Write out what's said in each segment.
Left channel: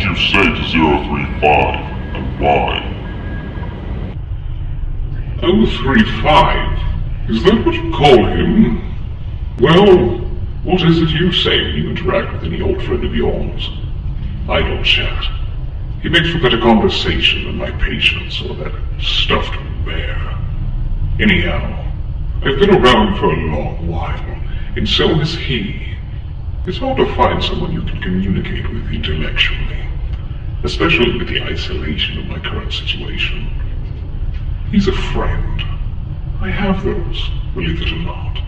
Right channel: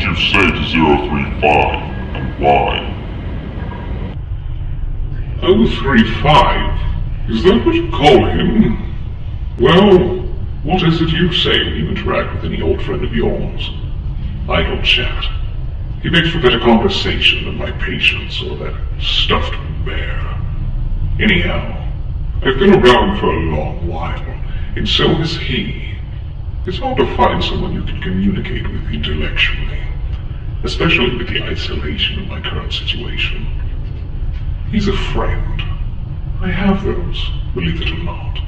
did you say to 035, and why? 035? Is that what you call him? Well, what is it you say when you interact with any old friend of yours? Idle chat. He makes for better conversation than my patience or that stuffed bear. Anyhow, I've been around for a long while, and so has he. It's hard to find someone you can communicate with intellectually, especially with the isolation of my current situation. He's a friend. I have those, believe it or not.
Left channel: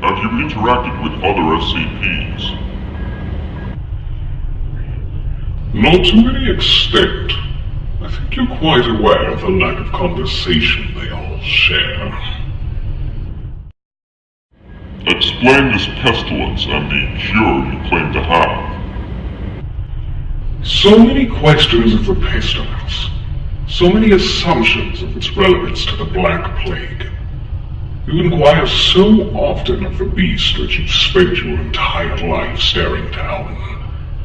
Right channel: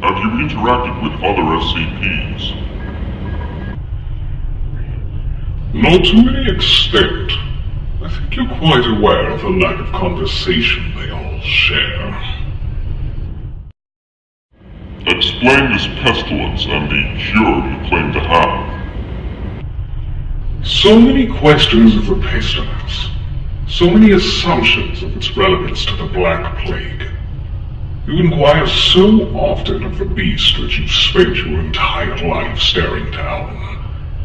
Have you interacted with other SCPs? Not to any extent. I think you're quite aware of the lack of conversation they all share. Explain this pestilence and the cure you claim to have. So many questions of the pestilence. So many assumptions of its relevance to the Black Plague. You inquire so often of the beast that you've spent your entire life staring down.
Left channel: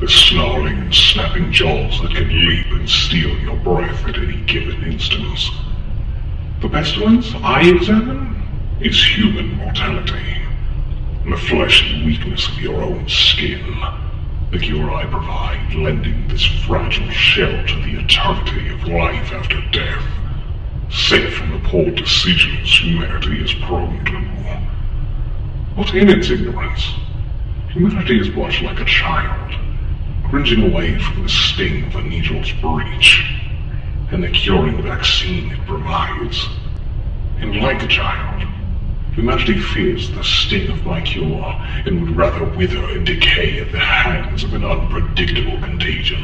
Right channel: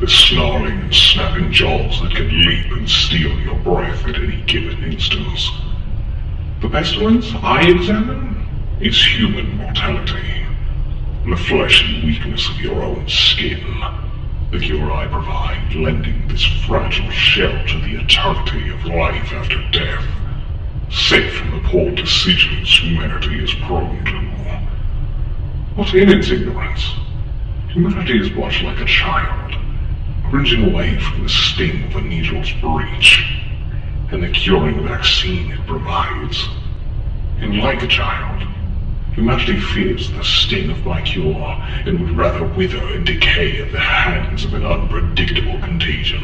The snarling and snapping jaws that can leap and steal your breath at any given instance. The pestilence I examine is human mortality. The fleshy weakness of your own skin. The cure I provide, lending this fragile shell to the eternity of life after death, safe from the poor decisions humanity is prone to. But in its ignorance, humanity is much like a child, cringing away from the sting of a needle's breach, and the curing vaccine it provides. And like a child, humanity fears the sting of my cure, and would rather wither and decay at the hands of an unpredictable contagion.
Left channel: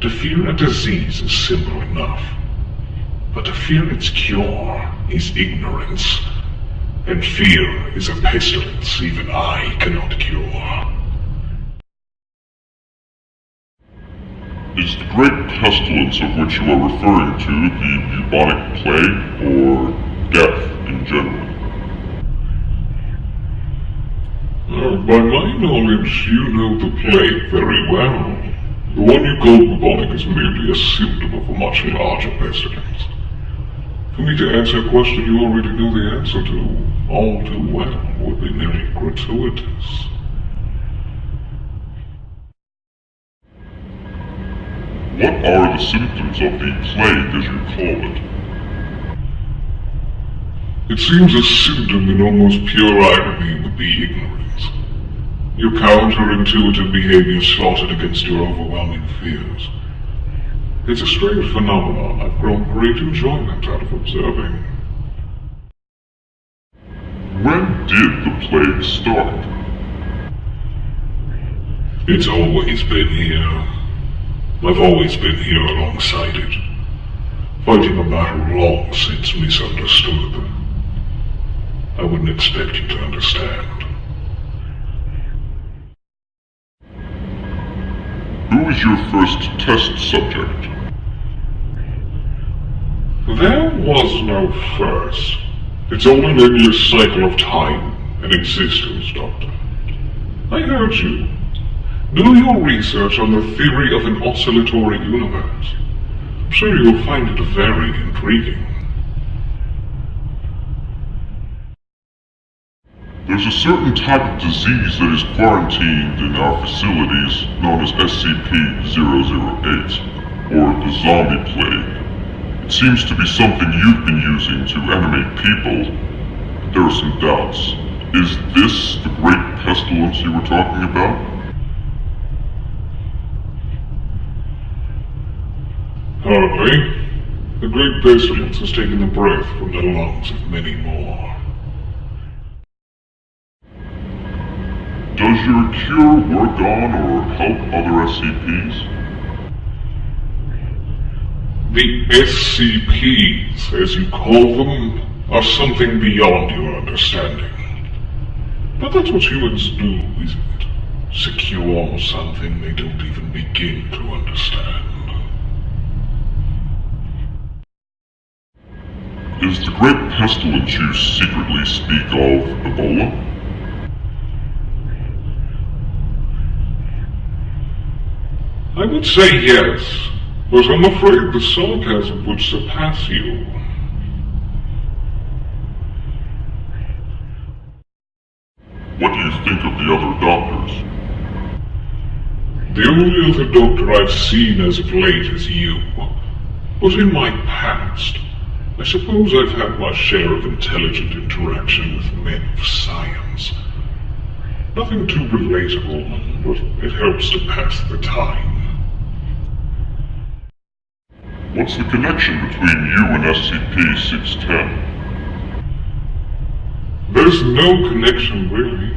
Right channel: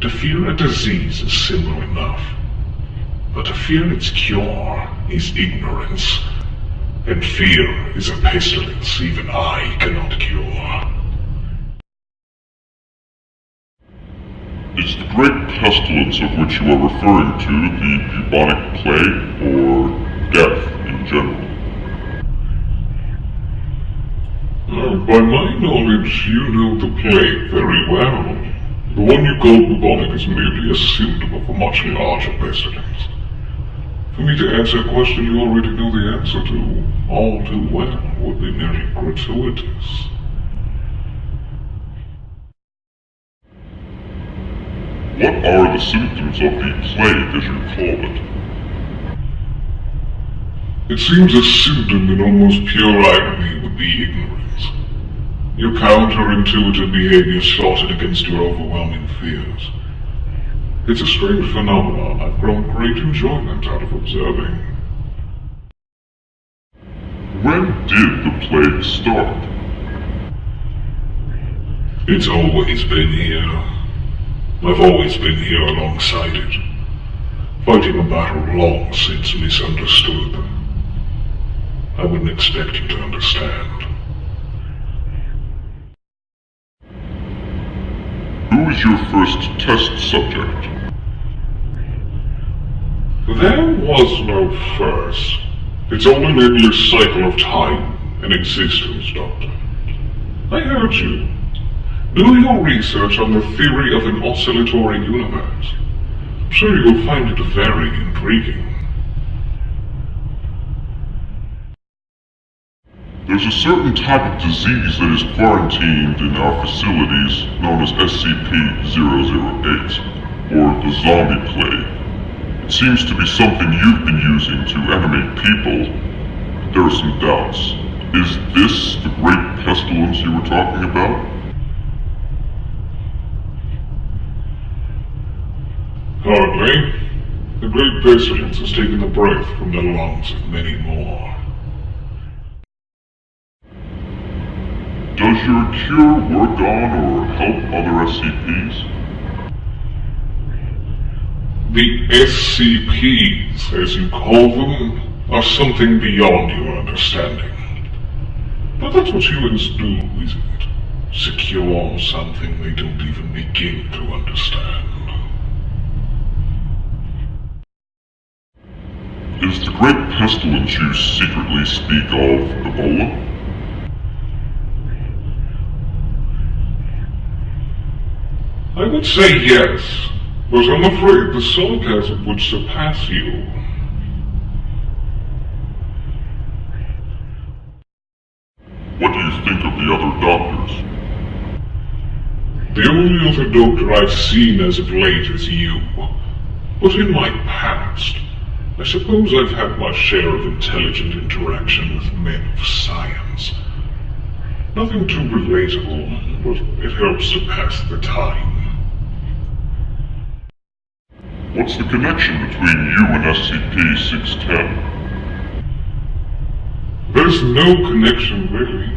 To fear a disease is simple enough, but to fear its cure is ignorance, and fear is a pestilence even I cannot cure. Is the great pestilence of which you are referring to the bubonic plague, or death in general? By my knowledge, you know the plague very well. The one you call bubonic is merely a symptom of a much larger pestilence. For me to answer a question you already know the answer to all too well would be merely gratuitous. What are the symptoms of the plague, as you call it? It seems a symptom in almost pure irony would be ignorance. Your counterintuitive behavior slotted against your overwhelming fears. It's a strange phenomenon I've grown great enjoyment out of observing. When did the plague start? It's always been here. I've always been here alongside it, fighting a battle long since misunderstood. I wouldn't expect you to understand. Who is your first test subject? There was no first. It's all an endless cycle of time and existence, Doctor. I heard you. Do your research on the theory of an oscillatory universe. I'm sure you'll find it very intriguing. There's a certain type of disease that is quarantined in our facilities known as SCP-008, or the zombie plague. It seems to be something you've been using to animate people. There are some doubts. Is this the great pestilence you were talking about? Hardly. The great pestilence has taken the breath from the lungs of many more. Does your cure work on or help other SCPs? The SCPs, as you call them, are something beyond your understanding. But that's what humans do, isn't it? Secure something they don't even begin to understand. Is the great pestilence you secretly speak of Ebola? I would say yes, but I'm afraid the sarcasm would surpass you. What do you think of the other doctors? The only other doctor I've seen as of late is you. But in my past, I suppose I've had my share of intelligent interaction with men of science. Nothing too relatable, but it helps to pass the time. What's the connection between you and SCP-610? There's no connection, really.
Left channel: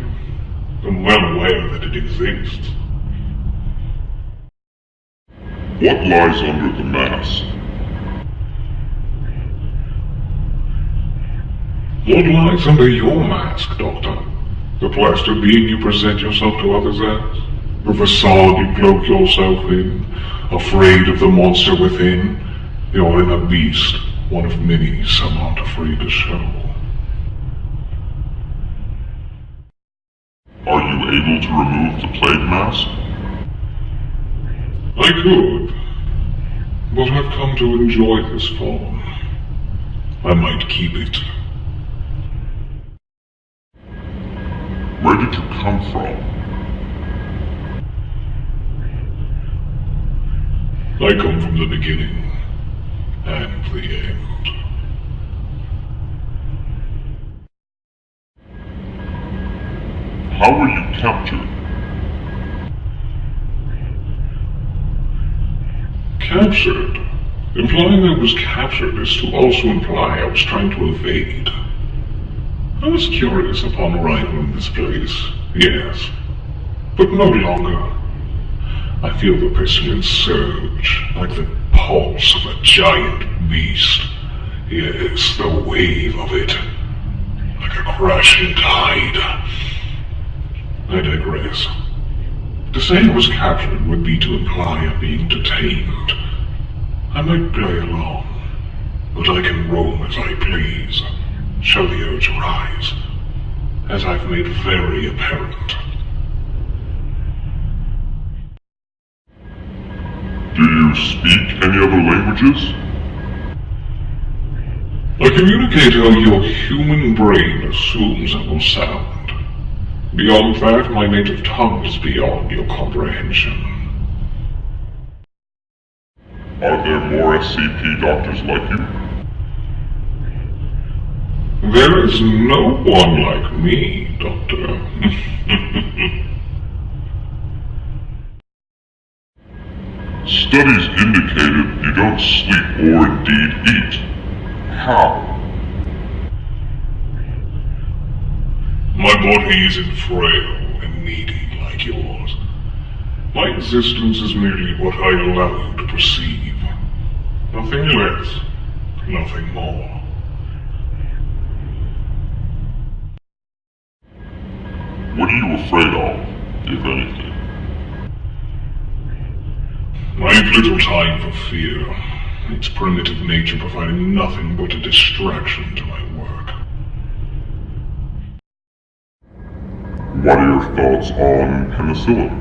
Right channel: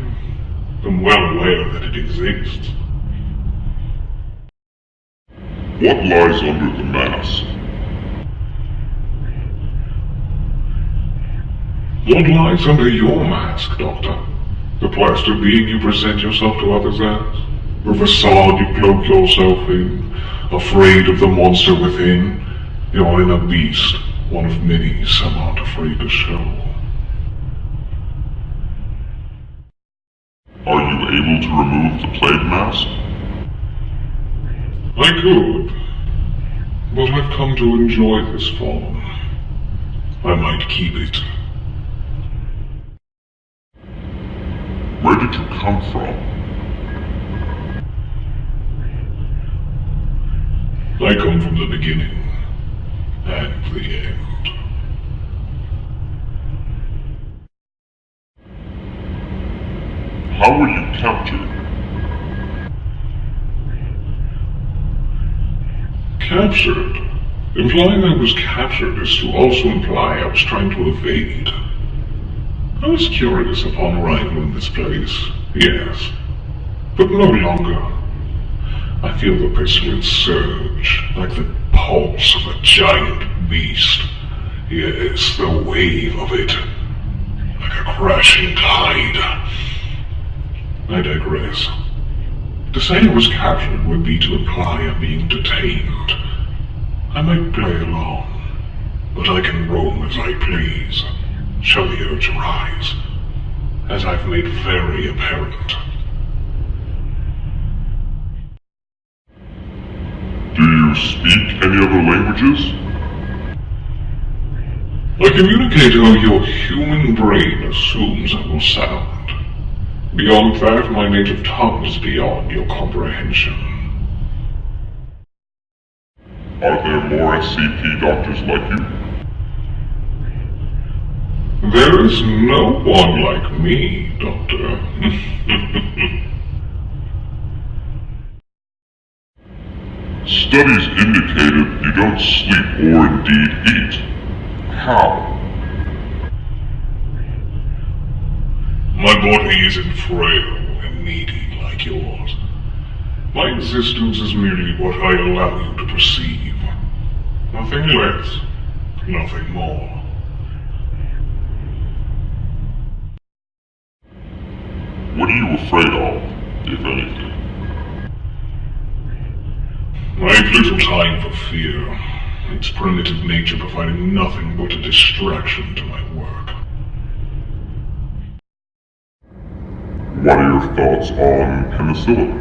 I'm well aware that it exists. What lies under the mask? What lies under your mask, Doctor? The plastic being you present yourself to others as? The facade you cloak yourself in? Afraid of the monster within? Your inner beast, one of many some aren't afraid to show. Are you able to remove the plague mask? I could, but I've come to enjoy this form. I might keep it. Where did you come from? I come from the beginning and the end. How were you captured? Captured? Implying I was captured is to also imply I was trying to evade. I was curious upon arrival in this place, yes, but no longer. I feel the pestilence surge, like the pulse of a giant beast. Yes, the wave of it, like a crashing tide. I digress. To say I was captured would be to imply I'm being detained. I might play along, but I can roam as I please, show the urge arise, as I've made very apparent. Do you speak any other languages? I communicate how your human brain assumes I will sound. Beyond that, my native tongue is beyond your comprehension. Are there more SCP doctors like you? There is no one like me, Doctor. Studies indicated you don't sleep or indeed eat. How? My body isn't frail and needy like yours. My existence is merely what I allow you to perceive. Nothing less, nothing more. What are you afraid of, if anything? I have little time for fear. Its primitive nature providing nothing but a distraction to my work. What are your thoughts on penicillin?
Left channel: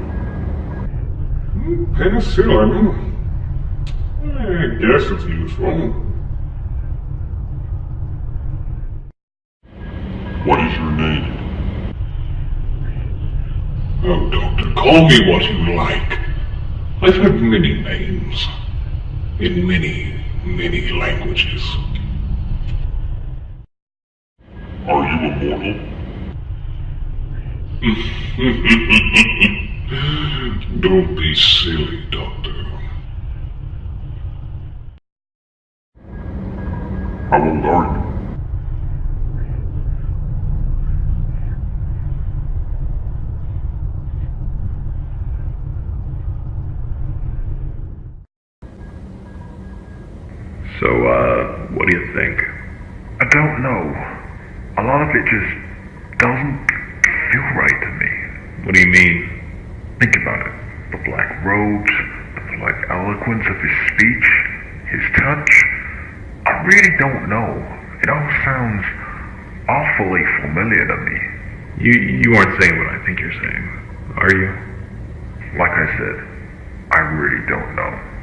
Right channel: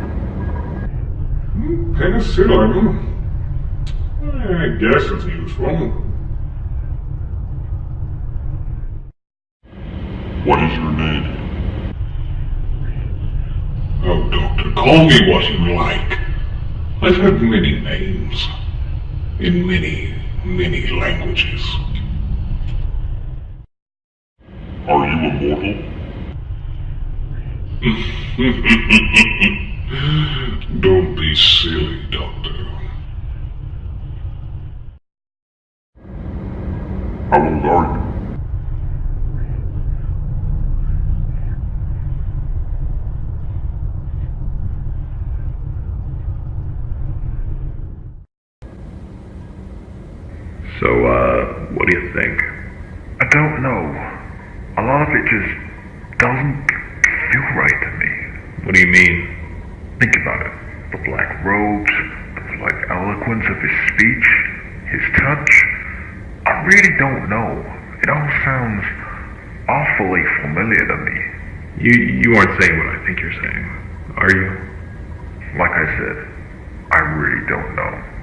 Penicillin? I guess it's useful. What is your name? Oh, Doctor, call me what you like. I've had many names. In many, many languages. Are you immortal? Don't be silly, Doctor. How old are you? So, what do you think? I don't know. A lot of it just doesn't feel right to me. What do you mean? Think about it. The black robes, the polite eloquence of his speech, his touch. I really don't know. It all sounds awfully familiar to me. You aren't saying what I think you're saying, are you? Like I said, I really don't know.